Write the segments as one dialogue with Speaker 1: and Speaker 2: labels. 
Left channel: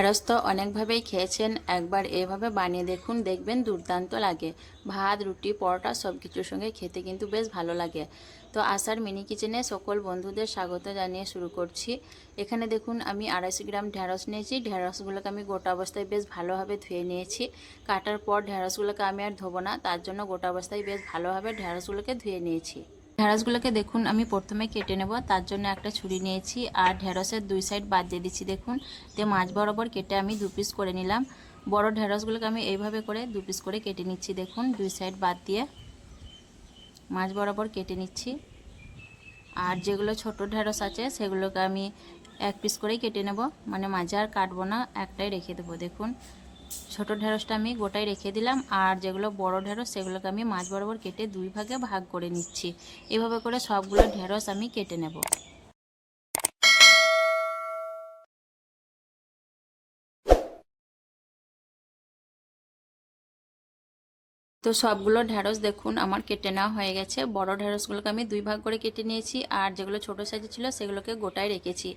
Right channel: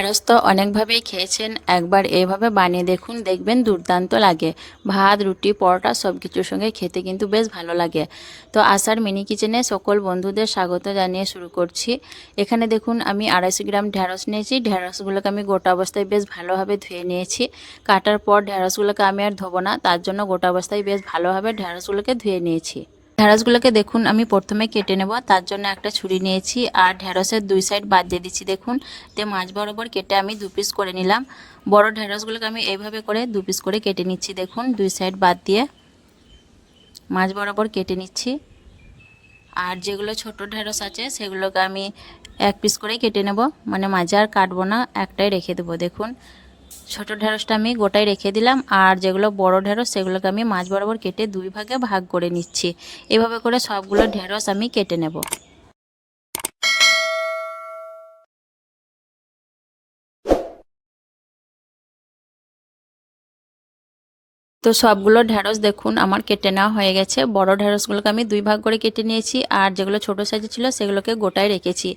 Speaker 1: ঢ্যাঁড়স তো অনেকভাবেই খেয়েছেন, একবার এভাবে বানিয়ে দেখুন, দেখবেন দুর্দান্ত লাগে। ভাত, রুটি, পরোটা সব কিছুর সঙ্গে খেতে কিন্তু বেশ ভালো লাগে। তো আসার মিনি কিচেনে সকল বন্ধুদের স্বাগত জানিয়ে শুরু করছি। এখানে দেখুন, আমি আড়াইশো গ্রাম ঢ্যাঁড়স নিয়েছি। ঢ্যাঁড়সগুলোকে আমি গোটা অবস্থায় বেশ ভালোভাবে ধুয়ে নিয়েছি। কাটার পর ঢ্যাঁড়সগুলোকে আমি আর ধোবো না, তার জন্য গোটা অবস্থায় বেশ ভালোভাবে ঢ্যাঁড়সগুলোকে ধুয়ে নিয়েছি। ঢ্যাঁড়সগুলোকে দেখুন, আমি প্রথমে কেটে নেব তার জন্য একটা ছুরি নিয়েছি, আর ঢ্যাঁড়সের দুই সাইড বাদ দিয়ে দিচ্ছি, দেখুন। তে মাছ বরাবর কেটে আমি দু পিস করে নিলাম। বড় ঢ্যাঁড়সগুলোকে আমি এইভাবে করে দু পিস করে কেটে নিচ্ছি, দেখুন, দুই সাইড বাদ দিয়ে। মাছ বরাবর কেটে নিচ্ছি। আর যেগুলো ছোট ঢ্যাঁড়স আছে, সেগুলোকে আমি এক পিস করে কেটে নেব মানে মাঝে আর কাটবো না, একটাই রেখে দেবো, দেখুন। ছোট ঢেঁড়সটা আমি গোটাই রেখে দিলাম, আর যেগুলো বড় ঢেঁড়স সেগুলোকে আমি মাছ বরাবর কেটে দুই ভাগে ভাগ করে নিচ্ছি। এভাবে করে সবগুলো ঢেঁড়স আমি কেটে নেব। তো সবগুলো ঢ্যাঁড়স দেখুন, আমার কেটে নেওয়া হয়ে গেছে। বড় ঢ্যাঁড়সগুলোকে আমি দুই ভাগ করে কেটে নিয়েছি, আর যেগুলো ছোট সাইজে ছিল সেগুলোকে গোটায় রেখেছি।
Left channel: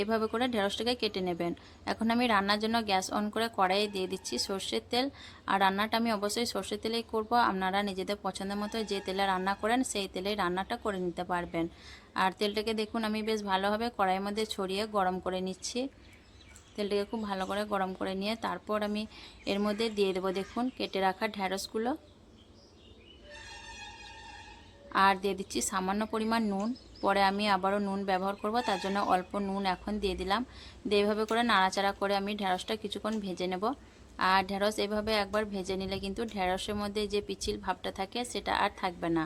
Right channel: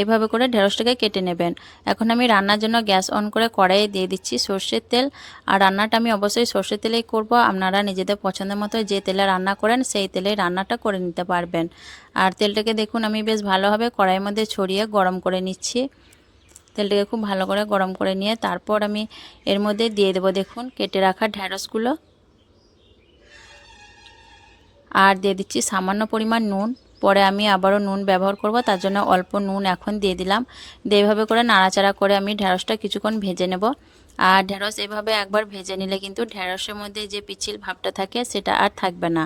Speaker 1: এভাবে করে ঢ্যাঁড়সটাকে কেটে নেবেন। এখন আমি রান্নার জন্য গ্যাস অন করে কড়াইয়ে দিয়ে দিচ্ছি সর্ষের তেল। আর রান্নাটা আমি অবশ্যই সর্ষের তেলেই করব। আপনারা নিজেদের পছন্দের মতো যে তেলে রান্না করেন, সেই তেলে রান্নাটা করে নিতে পারবেন। আর তেলটাকে দেখুন, আমি বেশ ভালোভাবে কড়াইয়ের মধ্যে ছড়িয়ে গরম করে নিচ্ছি। তেলটাকে খুব ভালো করে গরম করে নিয়ে তারপর আমি এর মধ্যে দিয়ে দেবো, দেখুন, কেটে রাখা ঢ্যাঁড়সগুলো আর দিয়ে দিচ্ছি সামান্য পরিমাণ নুন। পরে আমি আবারও নুন ব্যবহার করব, তার জন্য অল্প নুন এখন দিয়ে দিলাম। দিয়ে এইভাবে করে নাড়াচাড়া করে আমি ঢ্যাঁড়সটা কিছুক্ষণ ভেজে নেব। আর ঢ্যাঁড়স এভাবে একবার ভেজে নিলে কিন্তু ঢ্যাঁড়সের মধ্যে যে পিছিল ভাবটা থাকে, সেটা আর থাকবে না।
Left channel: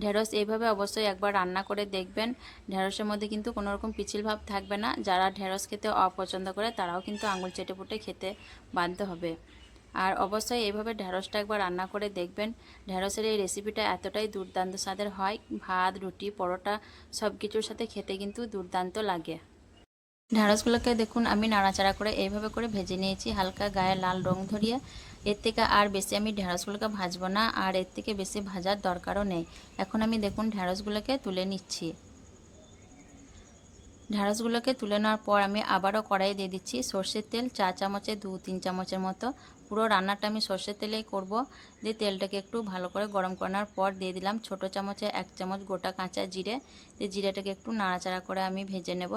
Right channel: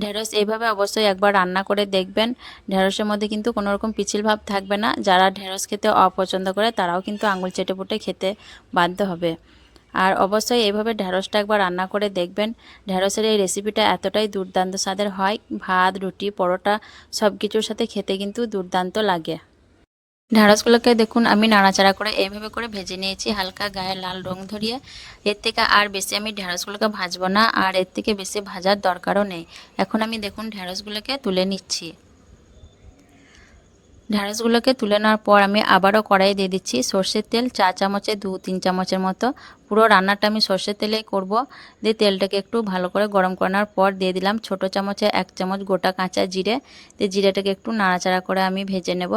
Speaker 1: ঢ্যাঁড়স এইভাবে অবশ্যই একবার রান্না করে দেখবেন ঢ্যাঁড়সের মধ্যে কিন্তু কোনো রকম পিছিল ভাব থাকবে না। যারা ঢ্যাঁড়স খেতে অপছন্দ করে, তারাও কিন্তু আঙুল চেটে পুটে খেতে বাধ্য হবে। আর অবশ্যই এইভাবে ঢ্যাঁড়সটা একবার রান্না করে দেখবেন। ঢ্যাঁড়সের এই রেসিপিটা এতটাই দুর্দান্ত স্বাদের হয়। ভাত, রুটি, পরোটা সব কিছুর সাথে খেতে কিন্তু দুর্দান্ত লাগে। ঢ্যাঁড়সগুলোকে দেখুন, আমি নাড়াচাড়া করে এইভাবে করে ভেজে নিয়েছি। হালকা গায়ে লাল রং ধরিয়ে। এর থেকে আর বেশি আমি ঢ্যাঁড়সগুলোকে ভাজবো না। আর এর থেকে বেশি ভাজার দরকারও নেই। এখন আমি দেখুন ঢ্যাঁড়সগুলোকে তুলে নিচ্ছি। ঢ্যাঁড়সগুলোকে তুলে নেওয়ার পর আমি আবারও কড়াই দিয়ে দিচ্ছি সর্ষের তেল চা চামচে দু, তিন চামচের মতো। পুরো রান্নাটা আমি সর্ষের তেলেই করব। দিয়ে তেলটাকে একটু ভালো করে গরম করানোর পর দিয়ে দিলাম ছোট চামচে এক চামচ গোটা কাঁচা জিরে। দিয়ে জিরেটাকে একটু নাড়াচাড়া করে আমি ভেজে নেব।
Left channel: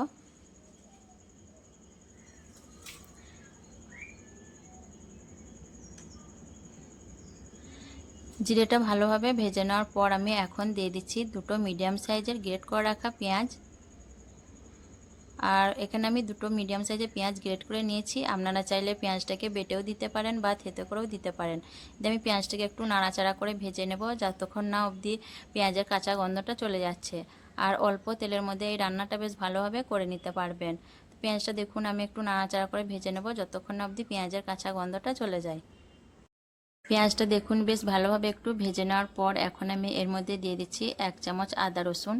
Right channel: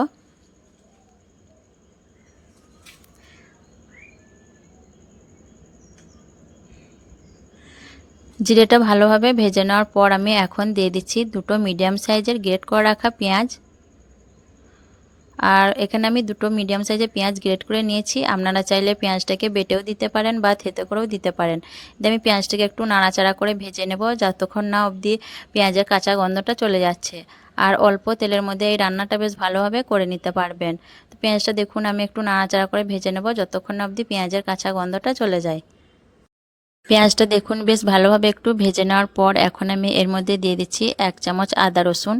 Speaker 1: জিরেটা ভালোভাবে ভেজে নেওয়ার পর আমি এখন দিয়ে দিচ্ছি দুটো মিডিয়াম সাইজের গ্রেট করে রাখা পেঁয়াজ। আর এখানে আমি দুটো মিডিয়াম সাইজের পেঁয়াজ গ্রেট করে নিয়েছি। আপনারা চাইলে পেঁয়াজটাকে বেটেও দিতে পারেন বা থেতে করেও দিতে পারেন। দিয়ে আমি পেঁয়াজটাকে একটু নাড়াচাড়া করে ভেজে নেব, যতক্ষণ না অবধি পেঁয়াজের কাঁচা গন্ধটা চলে যাচ্ছে। আর অল্প তেলের মধ্যে এই রান্নাটা বেশ ভালোভাবে করে নিতে পারবেন। তো পেঁয়াজটা দেখুন, আমি একটু নাড়াচাড়া করে ভেজে নেব, যতক্ষণ না অবধি পেঁয়াজের কাঁচা গন্ধটা চলে যায়। পেঁয়াজটা দেখুন, বেশ ভালোভাবে একটু ভেজে নেওয়ার পর এখন আমি এর মধ্যে দিয়ে দিচ্ছি এক চামচ আদা রসুন।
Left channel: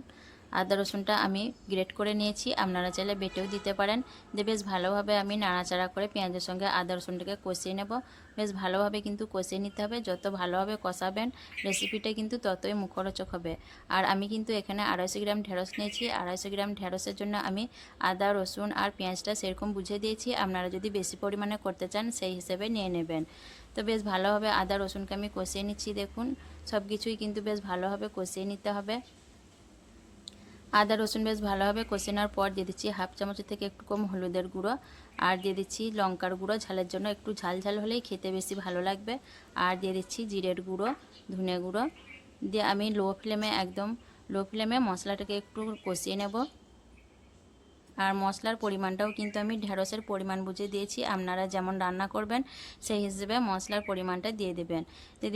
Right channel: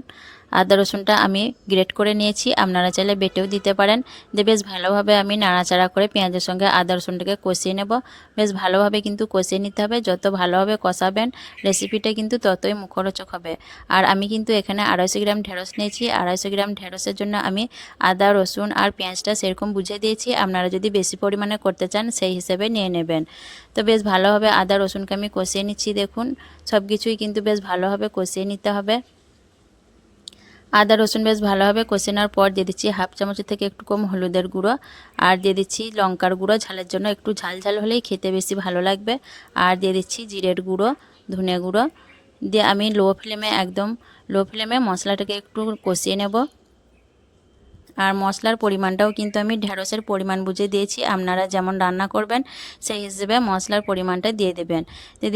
Speaker 1: আদা রসুনটা আমি গ্রেট করে নিয়েছি আপনারা চাইলে বেটেও দিতে পারেন। দিয়ে বেশ ভালোভাবে আমি নাড়াচাড়া করে পেঁয়াজের সঙ্গে আদা রসুনটাকে কষিয়ে নেব। বেশ ভালোভাবে কিন্তু কষিয়ে নিতে হবে, যত ভালোভাবে কষাবেন রেসিপিটা কিন্তু ততই মুখরোচক হবে। আর আমি কিন্তু এখানে আড়াইশো গ্রাম ঢেঁড়স নিয়েছি, আড়াইশো গ্রাম ঢেঁড়সের জন্য আমি আদা, রসুন আর পেঁয়াজটা সেরকম বুঝে দিয়েছি। আপনারা যদি বেশি পরিমাণে করতে চান, সেই হিসেবে নিয়ে নেবেন। তো বেশ ভালোভাবে আদা, রসুনকে আমি কষিয়ে নিচ্ছি, দেখুন। সব কিছুই কিন্তু বেশ ভালোভাবে কষিয়ে নিতে হবে। আদা, রসুন বেশ ভালোভাবে কষে নেওয়ার পর দিয়ে দিচ্ছি হাফ চামচের থেকে একটু কম হলুদের গুঁড়ো। আর দিয়ে দিচ্ছি লঙ্কার গুঁড়ো, ঝালের জন্য একটু ঝাল ঝাল হলেই খেতে বেশি ভালো লাগবে। আর দিয়ে দিচ্ছি জিরের গুঁড়ো, ধনে গুঁড়ো। দিয়ে আমি লো ফ্লেমে একদম, লো ফ্লেমে মশলাটাকে একটু কষিয়ে নেব। আর মশলার পরিমাণটাও কিন্তু আমি ঢেঁড়সের পরিমাণ বুঝে দিয়েছি। আপনারা যেমন রান্না করবেন, সেই হিসেবে মশলার পরিমাণটা দিয়ে দেবেন।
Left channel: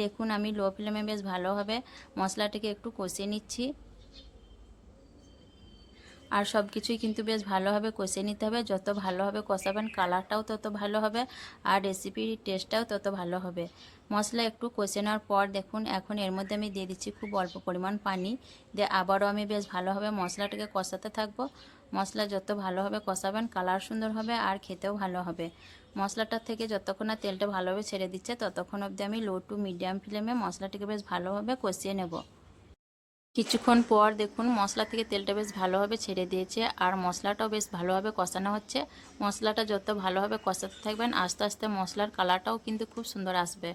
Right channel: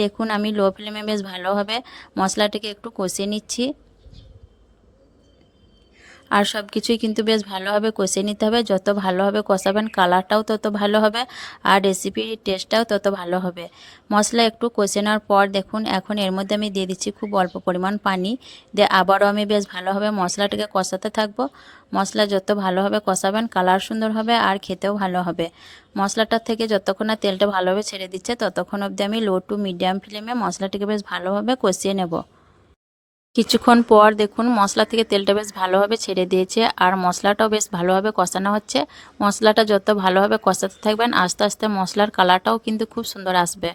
Speaker 1: দেখুন, আমি লো ফ্লেমে বেশ ভালোভাবে মশলাটাকে একটু কষিয়ে নিচ্ছি। আর সব কিছুই কিন্তু বেশ ভালোভাবে কষে নিতে হবে। যত ভালোভাবে কষাবেন কালারটাও তত ভালো হবে আর রেসিপির টেস্টটাও তত ভালো হবে। মশলা একটু কষে নেওয়ার পর দেখুন, এখন এর মধ্যে আমি দিয়ে দিচ্ছি খুব অল্প পরিমাণ পানি। দিয়ে আবারও আমি বেশ ভালোভাবে মশলাটাকে কষাতে থাকব। মশলা যত ভালোভাবে কষাবেন কালার সুন্দর হবে আর খেতেও ভালো হবে। মশলাটার থেকে যতক্ষণ না তেলটা ভালোভাবে ছেড়ে দিচ্ছে, ততক্ষণ অবধি আমি লো টু মিডিয়াম ফ্লেমে মশলাটিকে বেশ ভালোভাবে কষিয়ে নেব। কিছুক্ষণ পর দেখুন মশলা থেকে তেলটা বেশ ভালোভাবে ছেড়ে দিয়েছে, আর মশলাটাও বেশ ভালোভাবে কষানো হচ্ছে। মশলাটা যত ভালোভাবে কষাতে থাকবেন, আস্তে আস্তে মশলার কালারটাও কিন্তু খুব সুন্দর আসবে।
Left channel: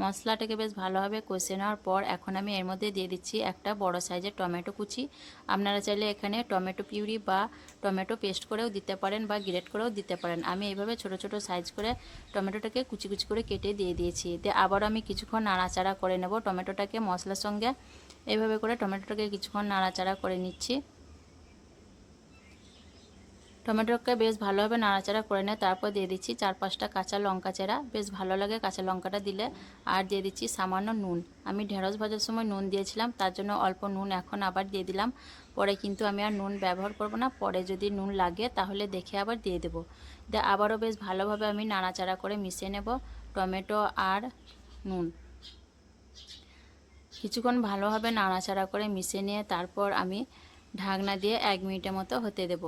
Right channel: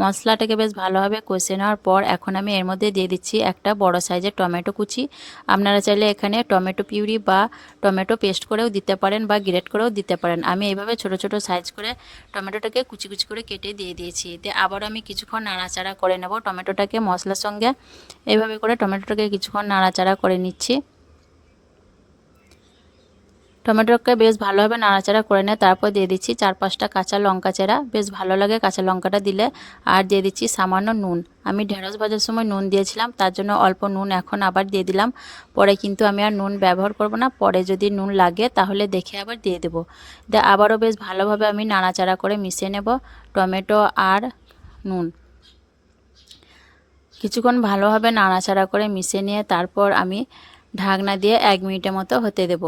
Speaker 1: মশলাটাকে বেশ ভালোভাবে কষে নেওয়ার পর এখন আমি এর মধ্যে দিয়ে দিচ্ছি একটা বড় সাইজের টমেটো কুচি। আপনারা চাইলে এখানে টমেটো পিউরি বা টমেটো পেস্ট করেও দিতে পারেন বা গ্রেট করেও দিতে পারেন। আমি এইভাবে ছোট ছোট সাইজ করে টমেটোটাকে কুচি কুচি করে কেটে দিয়ে দিয়েছি। দিয়ে আবার আমি কিছুক্ষণ নাড়াচাড়া করে নেব টমেটোটাকে মশলার সঙ্গে। এইভাবে করে টমেটোটাকে কিছুক্ষণ নাড়াচাড়া করে নিচ্ছি। টমেটোকে বেশ ভালোভাবে নাড়াচাড়া করে নিয়ে তারপর দিয়ে দিচ্ছি চার পাঁচটা কাঁচা লঙ্কা চেরা। বেশ ভালো লাগে কাঁচা লঙ্কাটা দিলে। আর দিয়ে দিচ্ছি সামান্য নুন। আমি ঢেঁড়স ভাজার সময় নুন দিয়েছিলাম, তার জন্য অল্প নুন এখন আবার দিয়ে দিলাম। পরে কিন্তু আমি আর নুন ব্যবহার করব না। পরে যদি নুন লাগে তাহলে দেখে আবার দিয়ে দেবো। আবারও বেশ ভালোভাবে আমি নাড়াচাড়া করে মিশিয়ে নেব টমেটো আর নুন। কিছুক্ষণ ভালোভাবে নাড়াচাড়া করে মিশিয়ে নিয়ে তারপর আমি ঢাকনা দিয়ে এক মিনিটের মতো হতে দেব।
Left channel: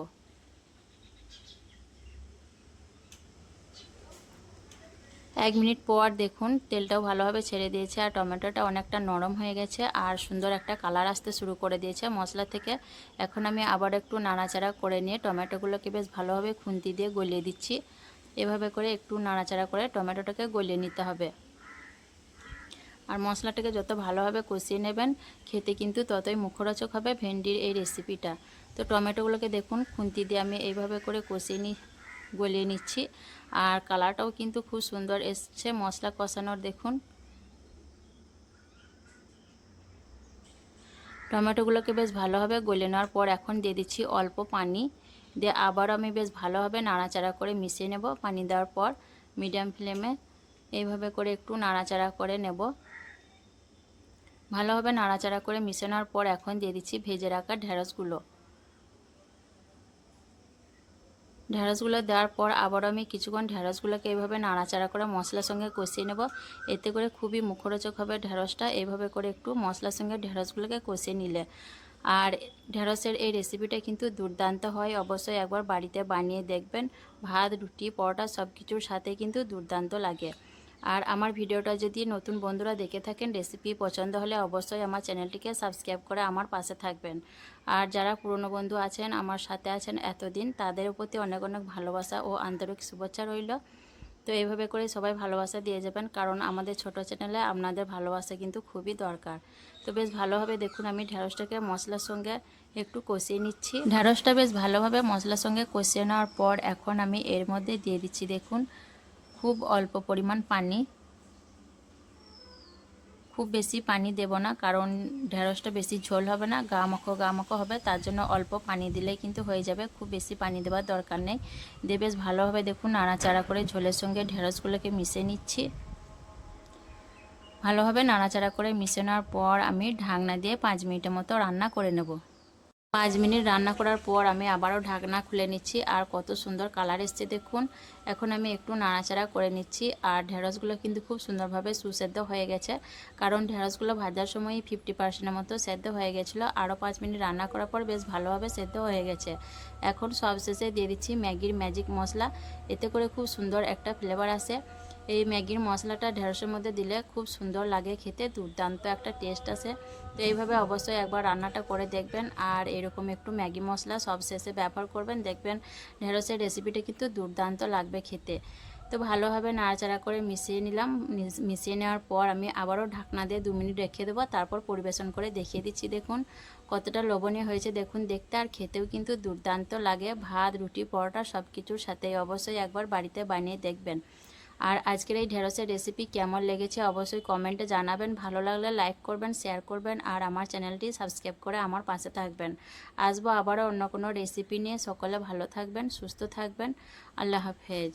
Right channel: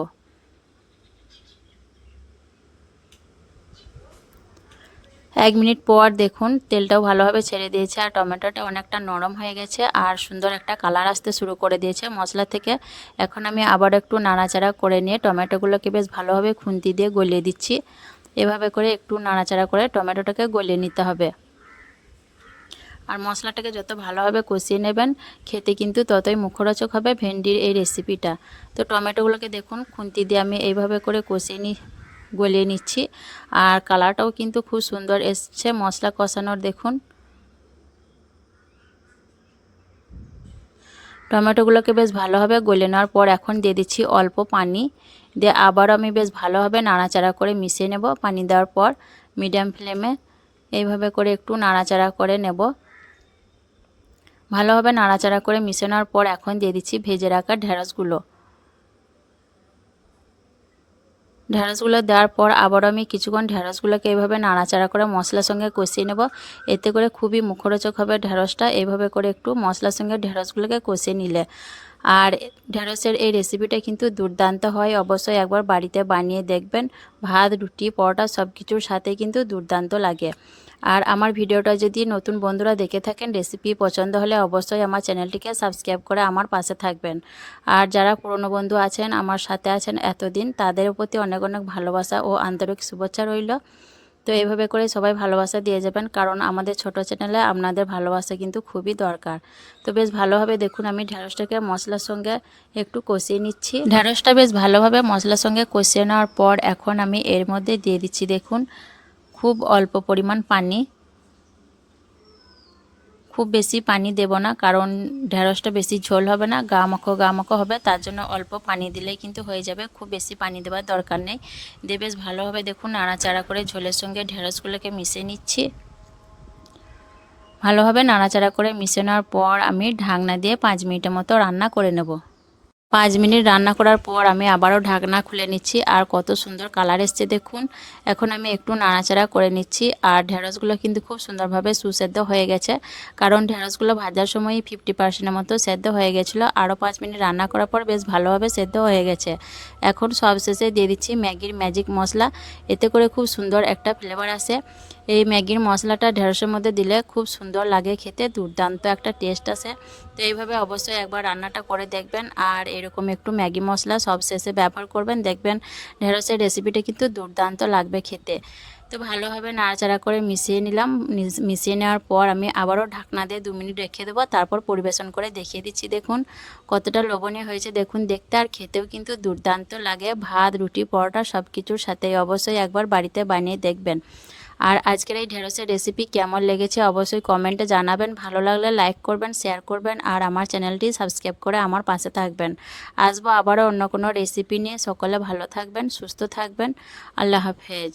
Speaker 1: এক মিনিট পর দেখুন তেলটাও ভালোভাবে ছেড়ে দিয়েছে আর টমেটোটা অনেকটা নরম হয়ে গেছে আর সুন্দর একটা কালার আসতে শুরু করে দিয়েছে। মশলা থেকে এখন আমি আবার একটু নাড়াচাড়া করে নিয়ে টমেটোগুলোকে বেশ ভালোভাবে খুন্তি দিয়ে গলিয়ে দিচ্ছি। এভাবে করে একটু নাড়াচাড়া করে টমেটোটাকে গলিয়ে নিতে হবে। আর মশলাটাকে যত ভালোভাবে কষিয়ে নেবেন, খেতে কিন্তু ততই মুখরোচক হবে ভেন্ডির এই রেসিপিটা তো টমেটোগুলোকে দেখুন, খুন্তি দিয়ে আমি এইভাবে করে কষিয়ে নি, গলিয়ে নিচ্ছি। আর কালারটাও কিন্তু খুব সুন্দর এসছে, মশলা কষানোর দেখুন। টমেটোগুলোকে বেশ ভালোভাবে গলে নেওয়ার পর এখন দিয়ে দিচ্ছি অল্প পানি। দিয়ে আবারও আমি বেশ ভালোভাবে নাড়াচাড়া করে মিশিয়ে নেব। পানি দেওয়ার পর মিডিয়াম ফ্লেমে এইভাবে করে একটু নাড়াচাড়া করে নেব। ভালোভাবে নাড়াচাড়া করে মিশে নেওয়ার পর এখন দিয়ে দিচ্ছি ভেজে রাখা ঢেঁড়সগুলো। ঢেঁড়সগুলো দেওয়ার পর আবারও আমি কিছুক্ষণ ঢেঁড়সগুলোকে এইভাবে নাড়াচাড়া করে মশলার সঙ্গে কষিয়ে নেব। এতে করে খুবই মুখরোচক হবে ঢেঁড়সটা। এইভাবে করে একটু মশলার সঙ্গে ঢেঁড়সগুলোকে কষিয়ে নিলে। আর ঢেঁড়সের এই রেসিপিটা কিন্তু দুর্দান্ত হয়। অবশ্যই একবার বাড়িতে বানিয়ে দেখবেন। ভাত, রুটি, পরোটা সব কিছুর সাথে কিন্তু দুর্দান্ত লাগে। আর আমার ভিডিওটা যদি নতুন বন্ধুরা দেখে থাকেন রেসিপি পছন্দ হলে অবশ্যই আমার চ্যানেলটিকে সাবস্ক্রাইব করে আমার পাশে থাকবেন। আর যারা পুরনো বন্ধু আছেন, আমার সাথে আছেন এতদিন, তাদের প্রতি অনেক অনেক ভালোবাসা ও আন্তরিক শুভেচ্ছা রইল। তো এইভাবে করে সবাই ভালোবাসা দিয়ে যাবেন, কারণ আমাদের ছোট চ্যানেলে আপনাদের ভালোবাসা কিন্তু খুবই দরকার। তো বেশ ভালোভাবে দেখুন, আমি ঢ্যাঁড়সটাকে মশলার সঙ্গে একটু কষিয়ে নিচ্ছি। ঢ্যাঁড়সটা বেশ ভালোভাবে মশলার সঙ্গে কষিয়ে নেওয়ার পর এখন আমি এর মধ্যে দিয়ে দিচ্ছি, দেখুন। খুব অল্প পরিমাণ পানি, খুব বেশি পানি দেব না, কারণ ঢেঁড়সটা বেশি ঝোল হবে না, গা মাখো গা মাখো হবে, তার জন্য অল্প পানি দিলেই কিন্তু হয়ে যাবে, খুব বেশি পানি দেওয়ার দরকার নেই। দিয়ে বেশ ভালোভাবে দেখুন নাড়াচাড়া করে ঝোলের সঙ্গে ঢেঁড়সগুলোকে মিশিয়ে নিচ্ছি। ভালোভাবে নাড়াচাড়া করে মিশে নেওয়ার পর আমি ঢাকনা দিয়ে পাঁচ মিনিটের মতো রান্না করে নেব। পাঁচ মিনিট রান্না করার পর আমি আবারও ঢাকনা খুলে নিচ্ছি। আর কত সুন্দর কালার এসছে দেখুন। এখন আমি একটু নাড়াচাড়া করে নিচ্ছি। আর ঢেঁড়সগুলো কিন্তু খুব সুন্দরভাবে সুসেদ্ধ হয়ে গেছে। কারণ ঢেঁড়সগুলো ভাজার সময় ফিফটি পার্সেন্টের মতো সেদ্ধ হয়ে গেছিল। আরও পাঁচ মিনিট রান্না করার পর বেশ ভালোভাবে সেদ্ধ হয়ে গেছে। এখন সবশেষে দিয়ে দিচ্ছি ম্যাগির ম্যাজিক মশলা। এতে করে খুব সুন্দর একটা ফ্লেভার আসে। এই ম্যাগির মশলাটা ঢেঁড়সের মধ্যে দিলে খুব সুন্দর লাগে খেতে, দুর্দান্ত একটা টেস্ট আসে তো এইভাবে অবশ্যই একবার রান্নাটা করে দেখবেন আর এরকম একটু ম্যাগি মশলা সব শেষে ব্যবহার করবেন, দেখবেন ঢেঁড়সের রেসিপিটা কিন্তু দুর্দান্ত লাগবে খেতে। তো ভালোভাবে নাড়াচাড়া করে মিশিয়ে নিলাম মিশিয়ে নেওয়ার পর আমি আবারও ঢাকনা দিয়ে দু মিনিট রেখে দেবো, তারপর পরিবেশন করে দেখিয়ে দিচ্ছি। দেখুন কতটা লোভনীয় হয়েছে, দেখুন দেখতে আর খেতেও কিন্তু দুর্দান্ত লাগে। ভাত, রুটি, পরোটা সব কিছুর সাথেই অবশ্যই একবার বাড়িতে বানিয়ে দেখবেন। আর আজকের এই ঢেঁড়সের রেসিপি কেমন লেগেছে অবশ্যই কমেন্টে জানাবেন। ভালো লাগলে লাইক করবেন শেয়ার করবেন আর আমার চ্যানেলটি সাবস্ক্রাইব করে আমার পাশে থাকবেন। আসব আবারও অন্য কোনো রেসিপি নিয়ে। সকলে ভালো থাকবেন, সুস্থ থাকবেন। আল্লাহ হাফেজ।